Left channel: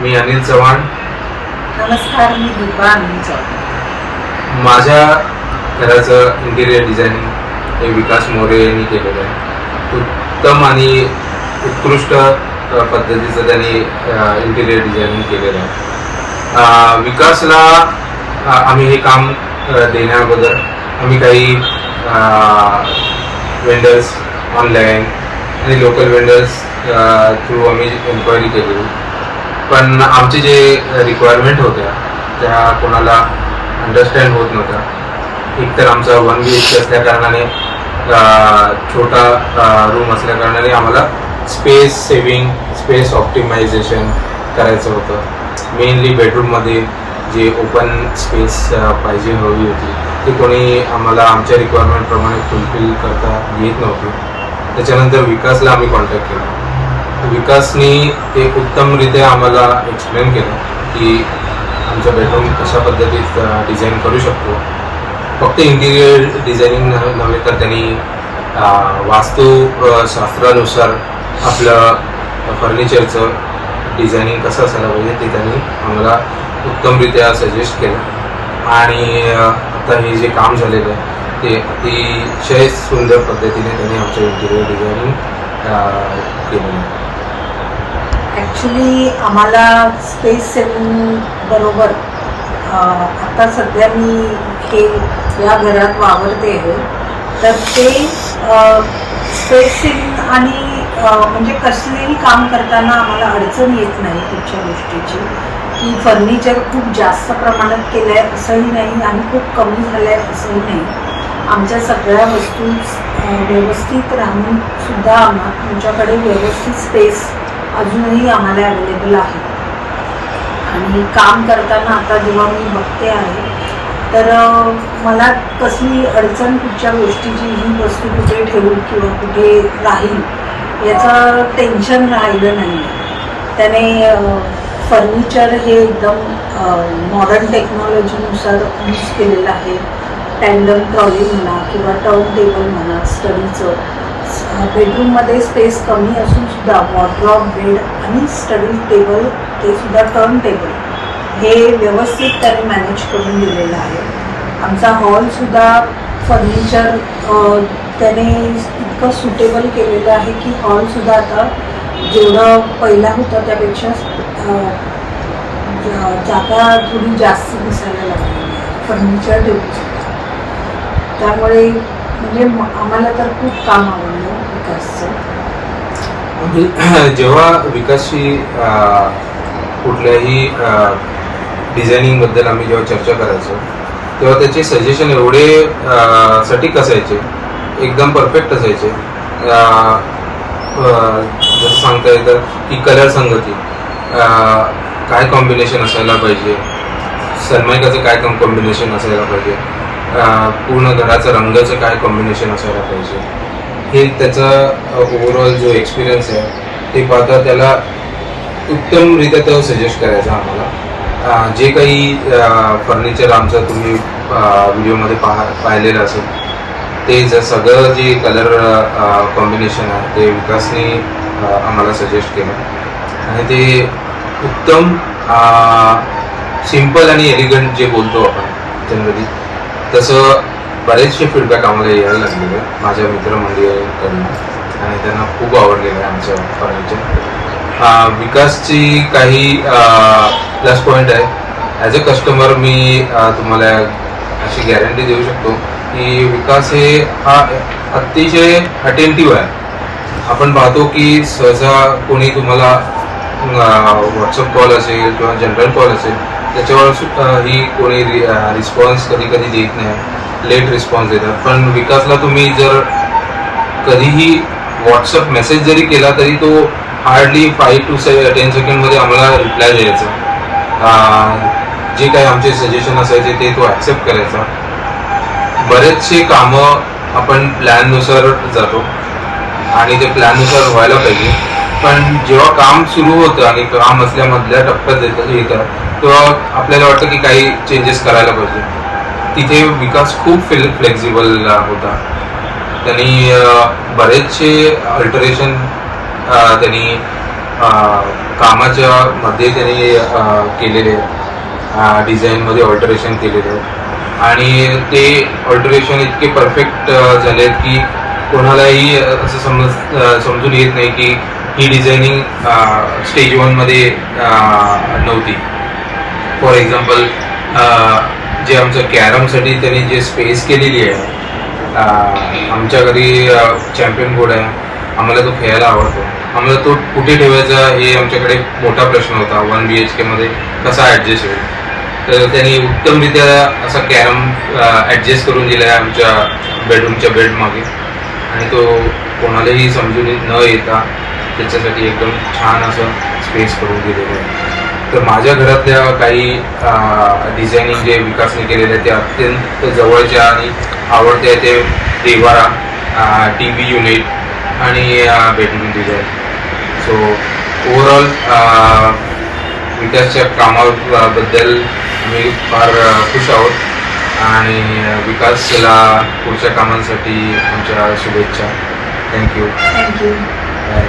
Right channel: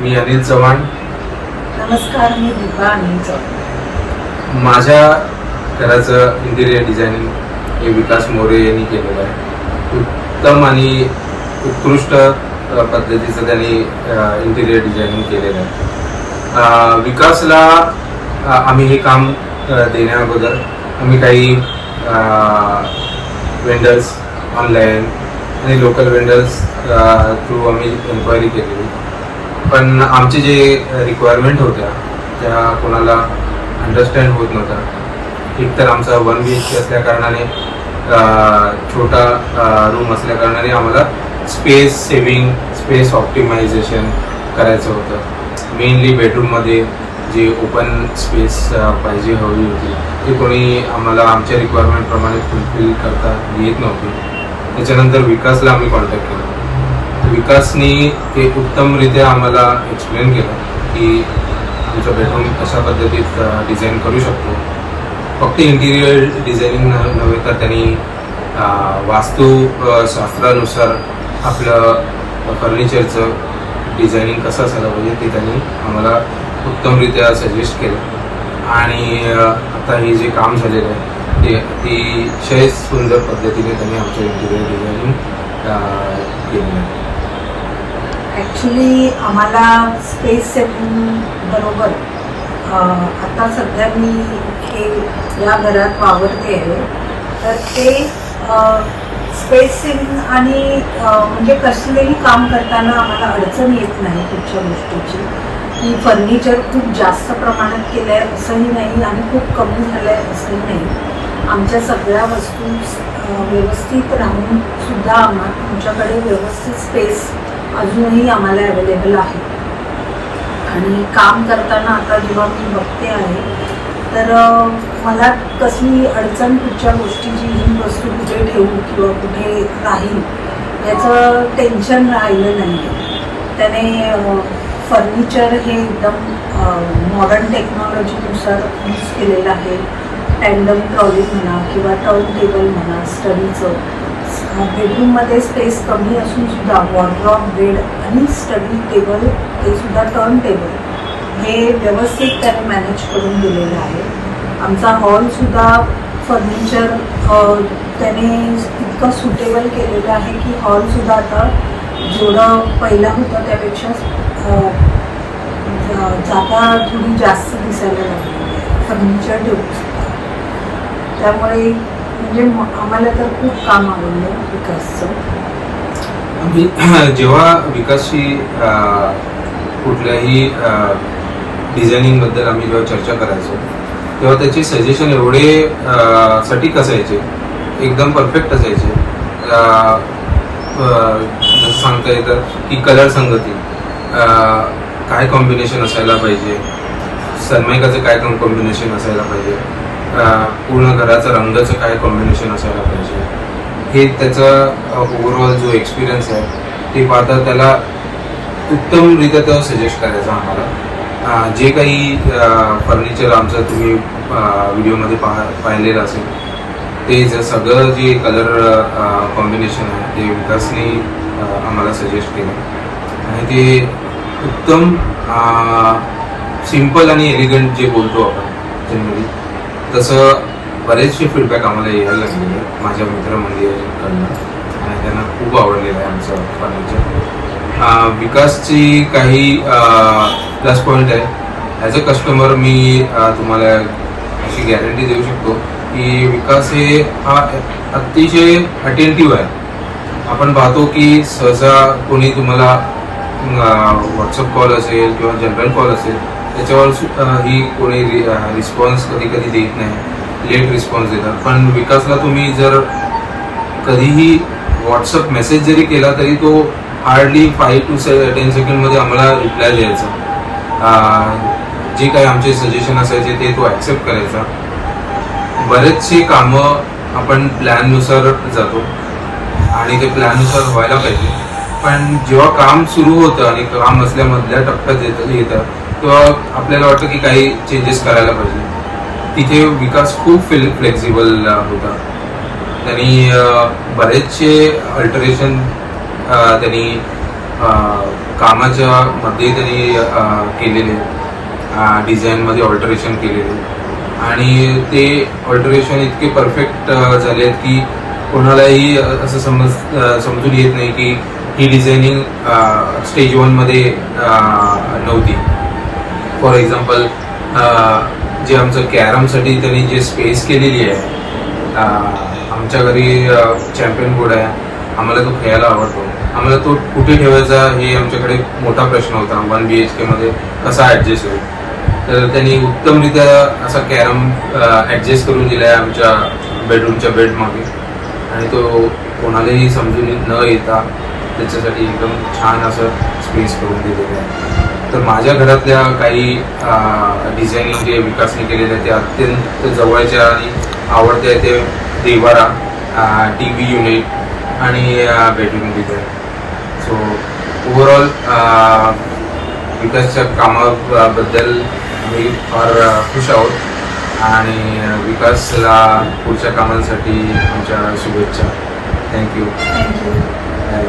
मी अनिल चव्हाण. नमस्कार, मी दीपा अनिल चव्हाण. माझ्या घराचं इंटिरियर डिझायनिंग हे विकास मोरे यांनी केलेलं आहे. उत्तम आणि उत्कृष्ट पद्धतीचं त्यांनी इंटिरियर डिझायनिंग केलेलं आहे. विकासला आम्ही हे काम देण्याअगोदर आम्ही काही वेंडर्स ऑनलाईन आणि लोकल वेंडर्स थ्रू आम्ही एन्क्वायरी केलेली, पण आमचे जे रिक्वायरमेंट होत्या त्या कोणाला अंडरस्टँड होत नव्हत्या. एकतर आमचा 1 BHK असल्या कारणाने, छोटा रूम असल्या कारणाने आम्हाला स्पेस सेविंग, स्पेस ऑप्टिमायझेशन करायचं होतं. मेनली बेडरूममध्ये जे ओपन स्पेस पाहिजे हवी होती ती कोणी आम्हाला आमच्या रिक्वायरमेंटप्रमाणे फुलफिल करता येत नव्हती. त्याच्यानंतर विकासला आम्ही कॉन्टॅक्ट केला. विकासनी ते उत्तमरित्या आम्हाला एक्सप्लेन केलं की आमचं बेडरूम कशा पद्धतीत डिझाईन करू शकतो. फक्त इंटिरियर डिझायनिंग नव्हे तर त्यांनी वास्तुशास्त्रानुसार आपलं फर्निचरचं डिझायनिंग कसं असायला पाहिजे ते त्यांनी आम्हाला उत्तमरित्या सजेस्ट केलं. आणि आता हे जे काम झालेलं आहे ते अतिशय सुंदर पद्धतीने त्यांनी आमचं इंटिरियर डिझायनिंग केलेलं आहे. ॲक्च्युली आम्हाला स्पेस सेविंग बरोबर आता सध्या मी हे या घरात वावरते आहे, तर ते स्पेस सेविंग आणि म्हणजे कसलेही काम करताना आम्हाला अडचण येत नाही कुठच्या गोष्टीची, की फर्निचर खूप जास्त प्रमाणात केलं आहे असंही नाही आणि खूप कमी झालं आहे असंही नाही. आमच्या सगळ्या वस्तू व्यवस्थित राहून सुद्धा आमच्याकडे व्यवस्थित स्पेस अजूनही आम्हाला अवेलेबल आहे. आणि काम करताना आता जेव्हा मी बघते आहे तर मला कसली अडचण कुठच्या गोष्टीची, ही वस्तू कुठे ठेवू किंवा कुठे राहील याचं टेन्शन राहिलं नाही. त्याने फर्निचर हे एकदम मॉडर्न टेक्नॉलॉजीनुसार यूज केलेलं आहे. टँडम ट्रॉली म्हणा किंवा टर्न टेबल म्हणा, स्टडीचं बेडरूममध्ये स्पेस कमी असून सुद्धा वॉर्डरोब, बेड आणि स्टडी टेबल ते सुद्धा टर्न टेबल हे व्यवस्थित त्याने मॅनेज करून दिलेलं आहे. आमचा हॉलसुद्धा फर्निचर त्याने इतकं सुटेबल केलेलं आहे की हॉलसुद्धा आता जेवढं पहिला होतं त्यापेक्षा जागा थोडी जास्त दिसायला लागली फर्निचर ठेवून. त्यामुळे म्हणजे आम्हाला तर खूप काम आवडलं विकासचं. जेव्हा विकासची कुठल्याही डिझायनिंगबद्दल आम्ही जेव्हा चर्चा करायचो तेव्हा त्याचे सजेशन एवढे सटीक असायचे, एकदम परफेक्ट असायचे. जसं सांगता येतं की कलर संगती, काय कॉम्बिनेशन असायला पाहिजे, सनमायकाचं काय कॉम्बिनेशन असायला पाहिजे, पूर्ण घराचं रंगाचं काय कॉम्बिनेशन असायला पाहिजे, हे त्याचा ओव्हरऑल जो एक्सपिरियन्स आहे ते पाहता त्याला उत्तमरित्या तो सजेस्ट करायचा आम्हाला. जे काही फर्निचर आमचं तुम्ही व्हिडिओमध्ये पाहिलेलं असेल ते सगळं जे कलर कॉम्बिनेशन आहे ते विकासने आम्हाला सजेस्ट केलं. आणि ते उत्तम सिम्पल आणि एलिगंट जे बोलतो आपण जनरली तसं बरेचसे फीडबॅक आम्हाला यायला लागलेले आहे माझ्या मित्रमंडळींकडनं आणि त्यांना खूप आवडलेलं आहे आमचं फर्निचर. विकासची काही प्लस पॉईंट आहे. ॲज अ कस्टमर मी तुम्हाला अशी गॅरंटी देऊ शकतो की विकास हा अतिशय अटेंटिव्ह आहे. आपण पाहतो की सहसा कोणी तुम्हाला व्हॉट्सअप कॉल असेल किंवा जनरल कॉल असेल त्याच्यावर ही कोणी रिस्पॉन्स कधी कधी देत नाही, लेट रिस्पॉन्स देतात. पण विकासला तुम्ही जर कधीही व्हॉट्सअप मेसेज जरी केला तरी तो हार्डली 5 to 10 सेकंडमध्ये आम्हाला रिप्लाय द्यायचा. जे काही आमचे सजेशन असायचे ते तो ॲक्सेप्ट करायचा. बरेचसे कामं आपण प्लॅननुसार जातो आणि ते प्लॅननुसार व्हायला पाहिजे, पण जेव्हा काम सुरू होतं आणि काम असल्यामधल्या टप्प्यात येतं तेव्हा आपल्याला वाटतं की काही चेंजेस करायला पाहिजे. तिथे विकास खूप फ्लेक्झिबल होता. त्यांनी बरेचसे अल्टरेशन त्यांनी कामाच्या मध्ये त्यांनी केलेले डिझाईनमध्ये ऑल्टरेशन केलेले आणि ते ऑल्टरेशन इतके परफेक्ट झाले आहेत की कोणालाही असं समजून येत नाही की ही डिझायनिंग स्टेज 1 मध्ये नव्हती. फॉर एक्झाम्पल जे आमचं कॅरमसाठी त्यांनी जे स्पेस केलेली आहे, आमच्या घरी चॅम्पियन बोर्ड आहे, आम्हाला तो खेळायला आवडतो. आम्हाला तो कुठे ठेवायचा हे आमच्याकडे मोठा प्रश्न होता. 1 BHK मध्ये कसा ॲडजस्ट होईल, तर त्यांनी उत्तमरित्या असा कॅरम ॲडजस्ट करून दिला आहे आमच्या बेडरूमच्या बेडमागे आणि तो कोणालाही समजून न येता त्याच्यासाठी एकदम छान असं स्पेस करून दिलेलं आहे. तर माझ्या घरातल्या काही डिझायनिंग जे विकासने केलेले आहे ते अत्यंत जवळच्या आणि आवडत्या. ते देवारा, TV युनिट आणि बेडरूम डिझाईन. सो ओव्हरऑल विकासच्या कामाबद्दल आम्ही फार खुश आहोत आणि विकासला पुढच्या कामांसाठी आमच्या शुभेच्छा. थँक्यू. थँक्यू. बाय.